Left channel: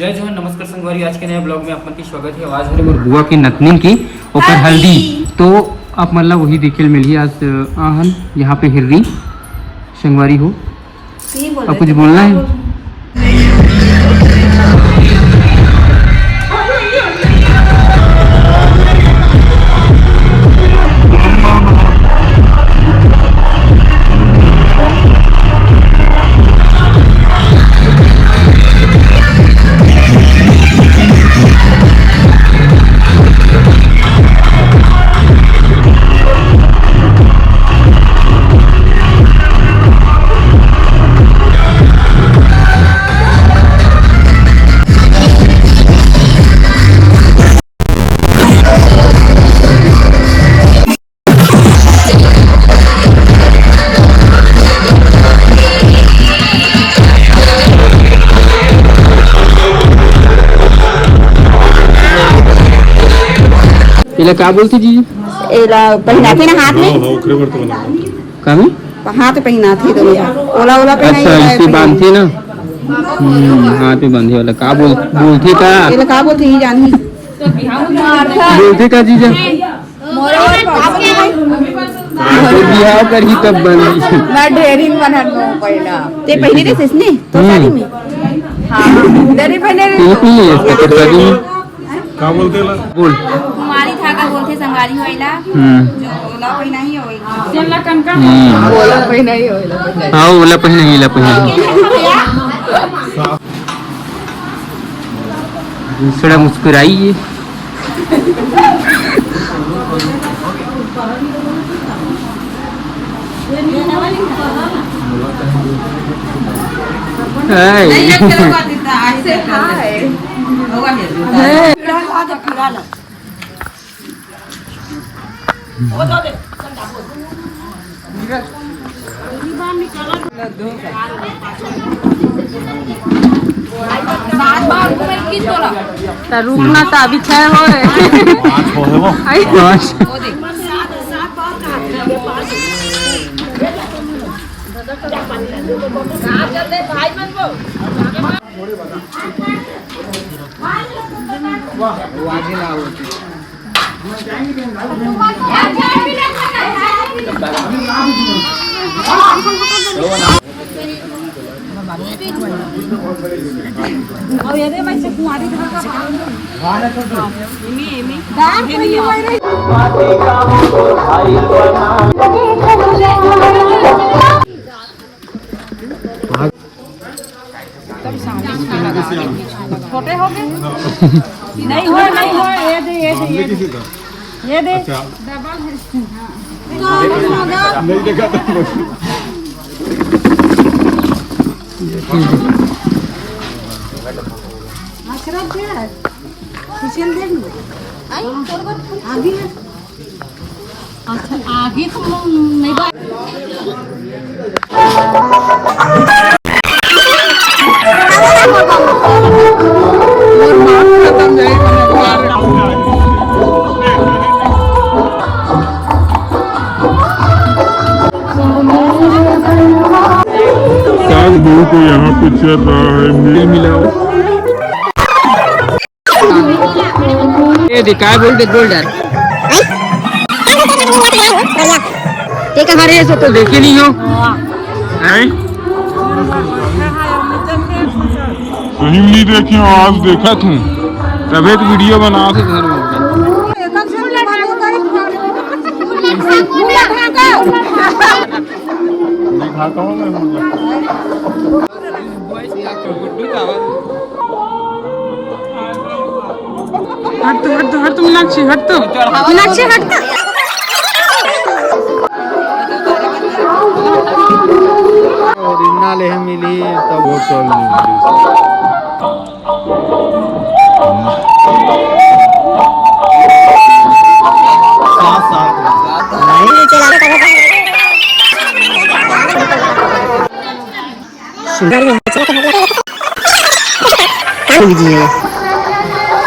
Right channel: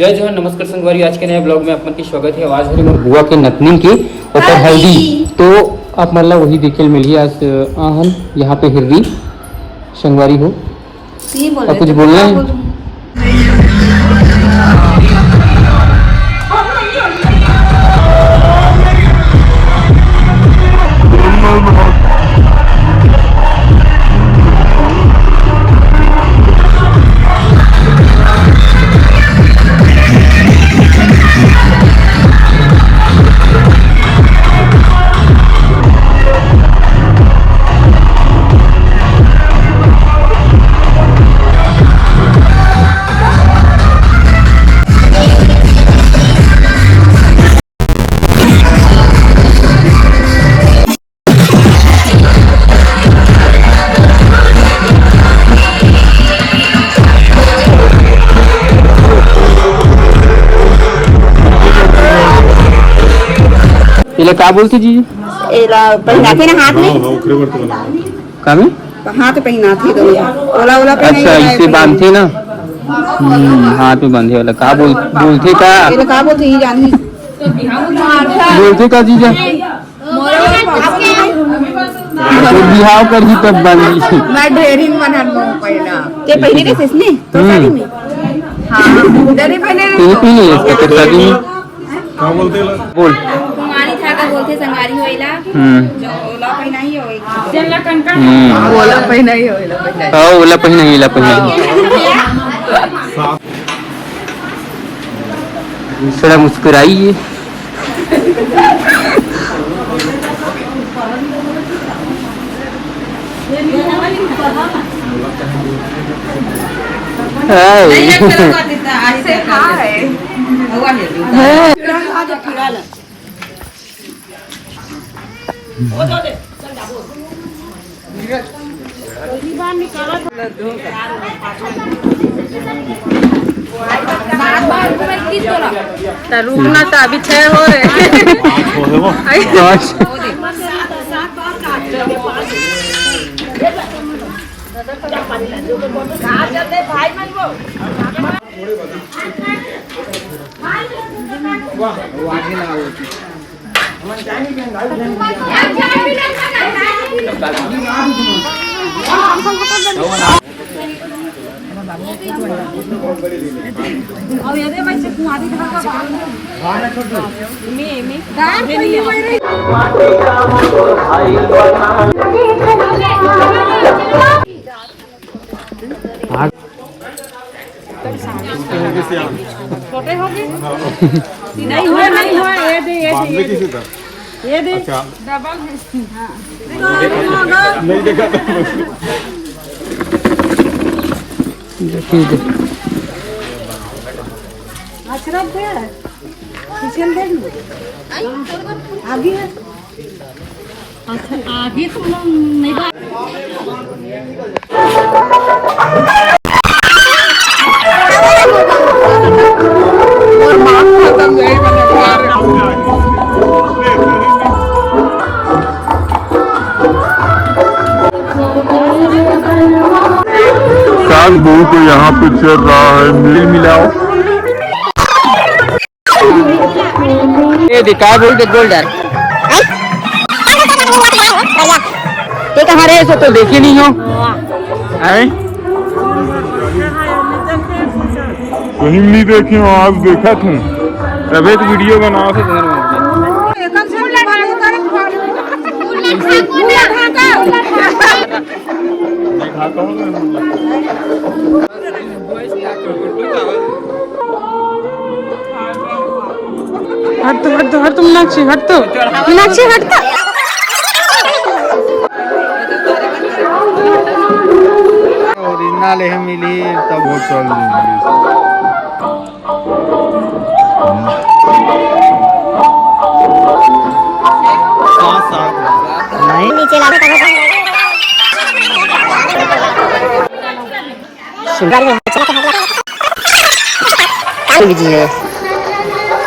जय जवान नमस्कार संगवारी, आज के नए ब्लॉग में आपन की स्वागत है। आवाज हमारे बुआ के नतनी की ऊपर हल्दी, तो आप मतलब वही देखे मिली आज आहन यहाँ पे हिर्री संगवारी हो। अब कुछ बोलना है? इला का बोलते जी? एला पहनाते ना हाथ में, का में हाथ पहनाते दोनों, ओला ओला पहनाई। अच्छा, इसे बांधते ना, हाथ में बांधे वाला का बोलते का? एला का बोलते ही जानी बोलते का जीजा? बिहार कर ही तब बन मैं ढेरी बना पहना ते पहने रे इसने तो शादी में ढेरी पहने पहले इसका शादी में का बोलते ला बोल कुमारी था का बोलते संगारी होइला। ओला पहनाई होई, ओला पहनाई होई। हां, ओला पहनाई, इला पहनाई। थोड़ा मुस्कुराइए। रुकना तो अभी 6 हो रहे। छोटे हो गए नहीं हो ये दे ये दे अच्छा डबल है। नहीं देखा अच्छा दे किचन दे आगे है। अच्छा आगे तो नहीं बात तो यहाँ पे चल रहा है, मिल मिलाओ। ये दिखा बोल डर ये कहाँ रहे सो तो देखे नहीं हो हैं? कहीं नहीं देखे हो, आज देखा तू तभी तो वीडियो बना थे हट तो मीनाक्षी हट तो मीनाक्षी हट तो मिली तब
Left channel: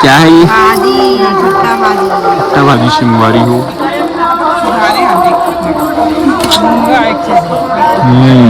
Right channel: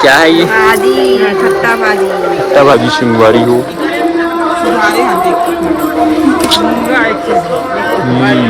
क्या है ये? भाजी, खट्टा भाजी। खट्टा भाजी सिंगवारी हो। सिंगवारी